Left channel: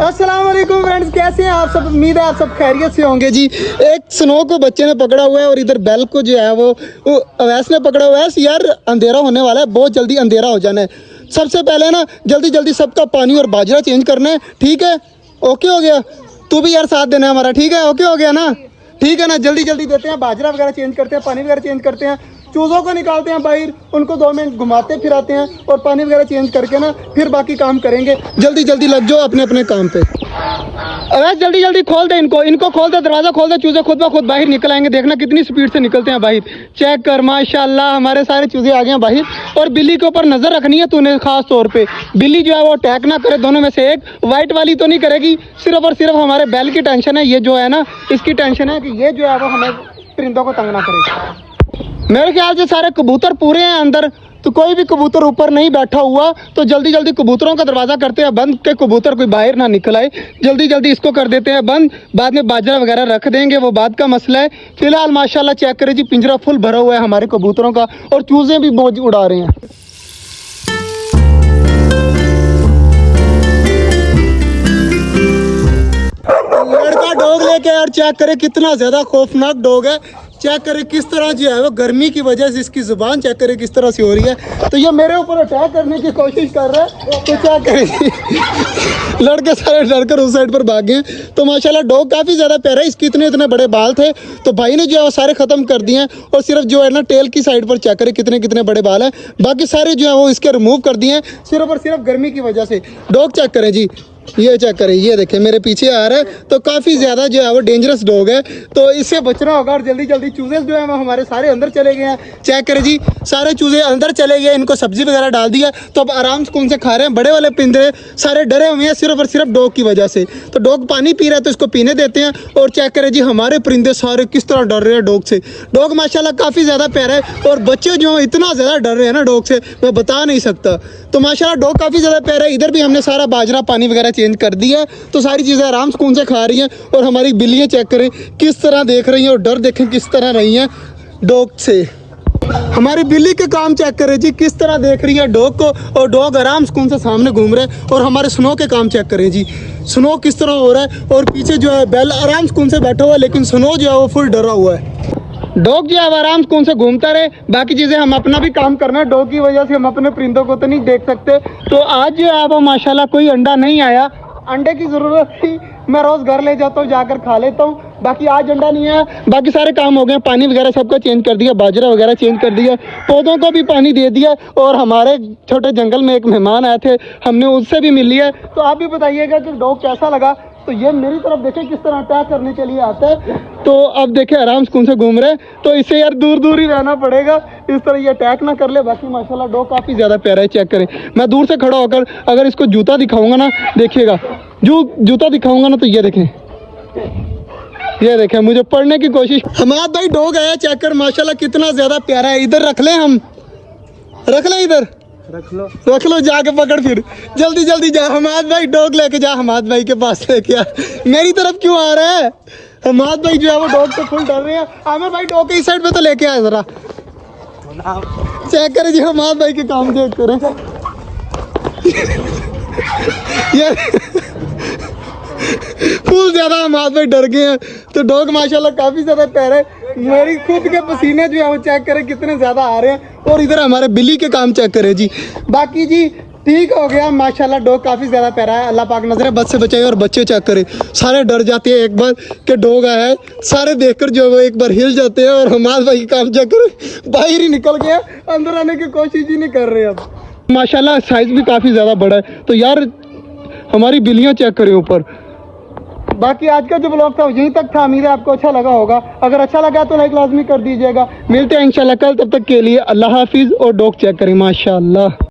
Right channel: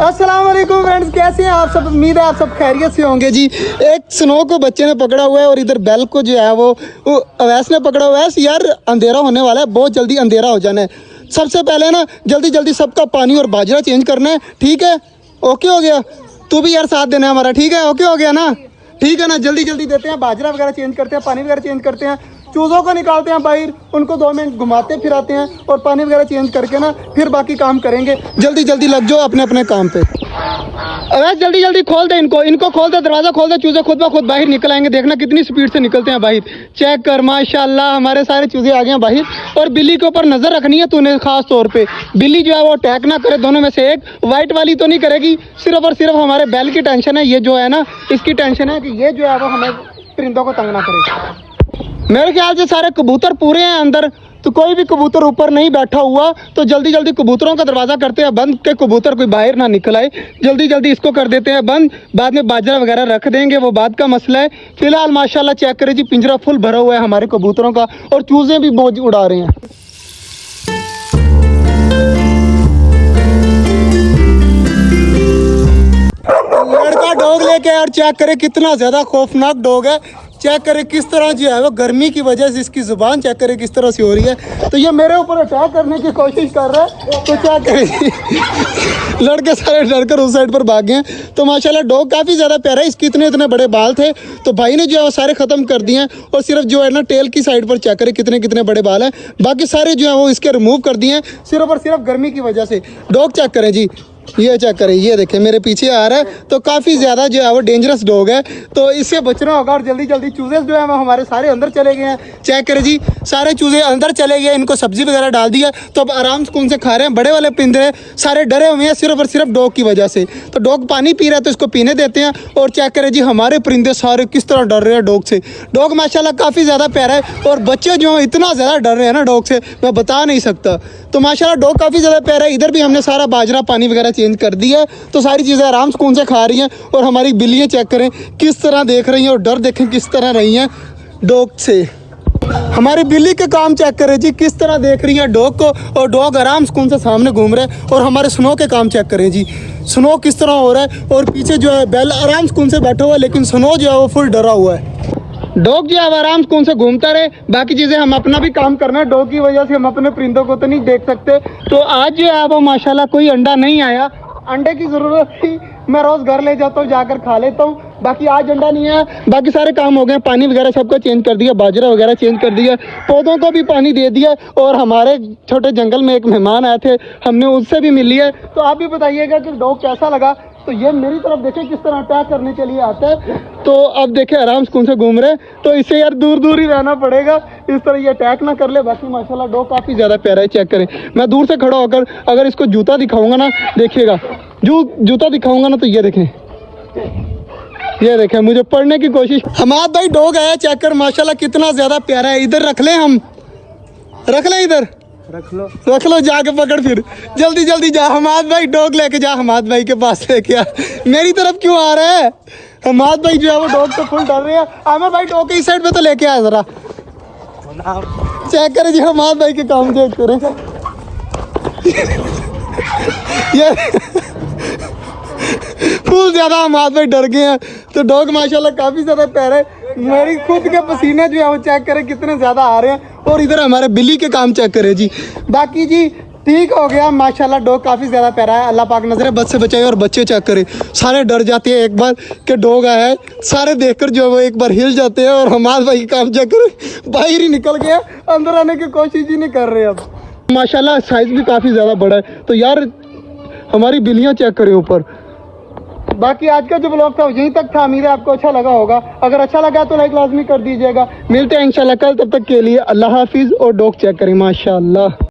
अस्सलाम वालेकुम फ्रेंड्स, कैसे हैं आप सब। उम्मीद है आप सब खैरियत से होंगे जी। एक स्नो को बच्चे ने पकड़ा हुआ है और इधर बेल को जो है वो अवैस ने पकड़ा हुआ है। यार अंधेरा होने वाला है, बहुत जल्दी अंधेरा हो जाना है। सबसे पहले ना जल्दी जल्दी सबका पानी और बाजरा चेंज करना है, ठीक है। ओके हो गया, तू भी यार साथ देना है हमारा, ठीक है। ओके हो गया ना, ठीक है ना। जल्दी जल्दी देते हैं, बाजरा वगैरह चेंज करते हैं, पानी वगैरह चेंज करते हैं, चूज़ों को निकालते हैं बाहर, उनको 2 मिनट घुमाते फिराते हैं और पानी वगैरह चेंज करके ना फिर बाकी काम करेंगे। जल्दी जल्दी लग जाओ अपने अपने काम पे। अरे जल्दी जल्दी खोल दे इनको खोल दे, दरवाजा खोल दे। चूज़े खुद ब खुद बाहर निकल आएंगे, देखना कितनी स्पीड से निकलते हैं बाहर। चेक कर, माशाल्लाह हमारे सारे चूज़े आ गए हैं बाहर। और बिल्ली के ऊपर नजर रखनी है तूने खास तौर पे, बिल्ली जो है वो अटैक ना करे। दोनों में से एक, व्हाइट वाली तो नहीं करेगी, सिर्फ और सिर्फ हमारे बैल की टेंशन है। ये जो है ना इसकी टेंशन है कि ये जो है वो हमें परिंदों को तंग ना करे। मेरे ख्याल से सारे कबूतर पूरे हैं अंदर, तो कोई भी कबूतर ऊपर नहीं बैठा हुआ। तो जल्दी जल्दी कबूतरों का दरवाज़ा करते हैं बंद, के कबूतर कोई बाहर ना निकल आए। जल्दी जल्दी इसको कर देते हैं बंद, बाद में बाजरा वगैरह रख देंगे, वो बात का मसला है। फिलहाल माशाल्लाह चेक करें जी, पिंजरा फुल भरा हुआ है हमारे कबूतरों का और चूज़े भी मौज उड़ा रहे हैं। लड़का डॉग लेके और चेक करे कितना ज्यादा खौफनाक डॉग है। चेक करे किस तरह जो है वो गर्मी की वजह से इसकी जुबान चेक करे किस तरह से हो रही है। तो ये मेरे ऊपर अटैक करने की कोशिश कर रहा है, तो क्या करें। लड़के सारे डरकर उस साइड पर भाग गए। तो माशाल्लाह डॉग काफी ज्यादा प्यारा है। इसके इतने बड़े बाल थे तो भाई ने जो है वो सारे खत्म कर दिए हैं और सिर्फ जो है ना टेल की साइड पर चेक करे कितने बड़े बाल है। बाकी सारे जो है वो इसके रिमूव कर दिए हैं सिर्फ और सिर्फ गर्मी की वजह से। डॉग चेक करें जी, ये चेक करें, ये देखें मेरे पीछे आ रहा है। तो काफ़ी ज़्यादा जो है वो डेंजरस डॉग है, तो इससे बचना होगा। और जल्दी जल्दी चूज़े जो है वो हमारे सारे अंदर चले गए हैं। चेक करें जी, सारे चूज़े अंदर चले गए, इनको सब्जी वगैरह डाल दिया तो अब आराम से कौन से खा रहे हैं। बड़े वाले पिंजरे सारे डरे हुए हैं सिर्फ और सिर्फ डॉग की वजह से। तो डॉग पानी पी रहा है तो इसको पीने देते हैं। और चेक करें जी, हमारे परिंदे सारे किस तरह डर रहे हैं डॉग से। डॉग माशाल्लाह काफ़ी ज़्यादा प्यारा है और बच्चे जो इतना ज़्यादा डर रहे हैं ना डॉग से, मैं बता नहीं सकता। तो माशाल्लाह डॉग काफ़ी ज़्यादा प्यारा है। इधर भी हमने सारा बाजरा पानी वगैरह चेंज कर दिया है, तो सारी चीज़ें आराम सुकून से खा रही हैं। और हमारी बिल्लियाँ चेक करें किस तरह देख रही हैं और डर देखें किस तरह रही हैं डॉग से। हमारी बिल्ली के काम चेक करें जी, किस तरह देख रही है डॉग को, और डॉग आराम सुकून से सामने घूम रहा है। और हमारे स्नो के काम चेक करें जी, स्नो किस तरह हो रहा है। और पीछे जो है बेल आराम सुकून से बैठा हुआ है, लेकिन स्नो जो है वो फुल डरा हुआ है। डॉग जो है आराम कौन से घूमता रहे, बाकी चीज़ें हम अपना भी काम करना है। डॉग की वजह से हम अपने परिंदों को तो नहीं देख सकते। तो आज जो है वो माशाल्लाह कोई अंडा नहीं आया। अंडे की ज़रूरत थी, मैं रोज़ घर ले जाता हूँ, जाकर खा लेता हूँ। बाकी आज अंडा नहीं है, बाकी सारे काम हो गए। पानी वगैरह सबका चेंज कर दिया, बाजरा वगैरह चेंज कर दिया, पौधों को भी पानी दे दिया। और हमारे छोटे जंगल में एक मेहमान आए थे, हमने उससे भी मिल लिया। तो आप भी बताइएगा कि डॉग कैसा लगा। तो ये मेरी तरफ देखें किस तरह अटैक करने के लिए आता है। तो अब देखें आराम से कौन से घूम रहे हैं, तो इससे यार दूर दूर ही रहना पड़ेगा, इस तरह ये अटैक ना कर ले। बाकी माशाल्लाह डॉग काफ़ी ज़्यादा प्यारा है। चेक करें, मैं दूर से खड़ा होकर अगर इसको जूता दिखाऊंगा ना, देखिएगा जूता दिखाऊंगा ना, तो ये देखें, ये देखें मुझे पढ़ने की कोशिश। हमारा भाई डॉग आया, चेक कर माशाल्लाह कितना ज़्यादा प्यारा है। इधर रख लें, हम रख लें, इधर रख लो, जाके पकड़ फिर जल्दी जल्दी जा। हमाद भाई डॉग लेके जा, हमाद भाई के पास लेके आ। मेरी तरफ क्यों आ रहा है? हमाद भाई जो है वो डॉग से फुल डर रहे हैं। आमिर भाई डॉग के इस साइड पे तो लेके आ जरा। चेक करें जी, हमाद भाई के काम चेक करें। ये फुल ज्यादा हमाद भाई डर गए हैं। तो डॉग माशाल्लाह काफी ज्यादा प्यारा है। मेरी खुद के पसीने जो है वो चेक करें कितने ज्यादा आ रहे हैं। और इधर हमारे बिल्ली के काम चेक करें जी। बाकी जी ठीक हो गया, माशाल्लाह डॉग काफी ज्यादा प्यारा है। अल्लाह पाक नजरें बद से बचाए। और बच्चे चेक करें सारे डर जाते हैं एक बार के डॉग आया है, सारे देखकर जो वो एक बार हिल जाते हैं। और हमारे भाई के काम चेक करें, बाहर ही निकल गया, अंदर आने की कोशिश ही नहीं कर रहे। अब माशाल्लाह साइज भी काफी ज्यादा बड़ा है। तो यार हमारी बिल्लियाँ चेक करें ऊपर। बाकी आज का जो ब्लॉग था यहीं तक था। उम्मीद है आपको अच्छा लगा होगा। अगर अच्छा लगा तो लाइक लाजमी कर दीजिएगा। मिलते हैं इंशाल्लाह कल, तब तक के लिए अल्लाह हाफिज़। और डॉग चेक करें माशाल्लाह।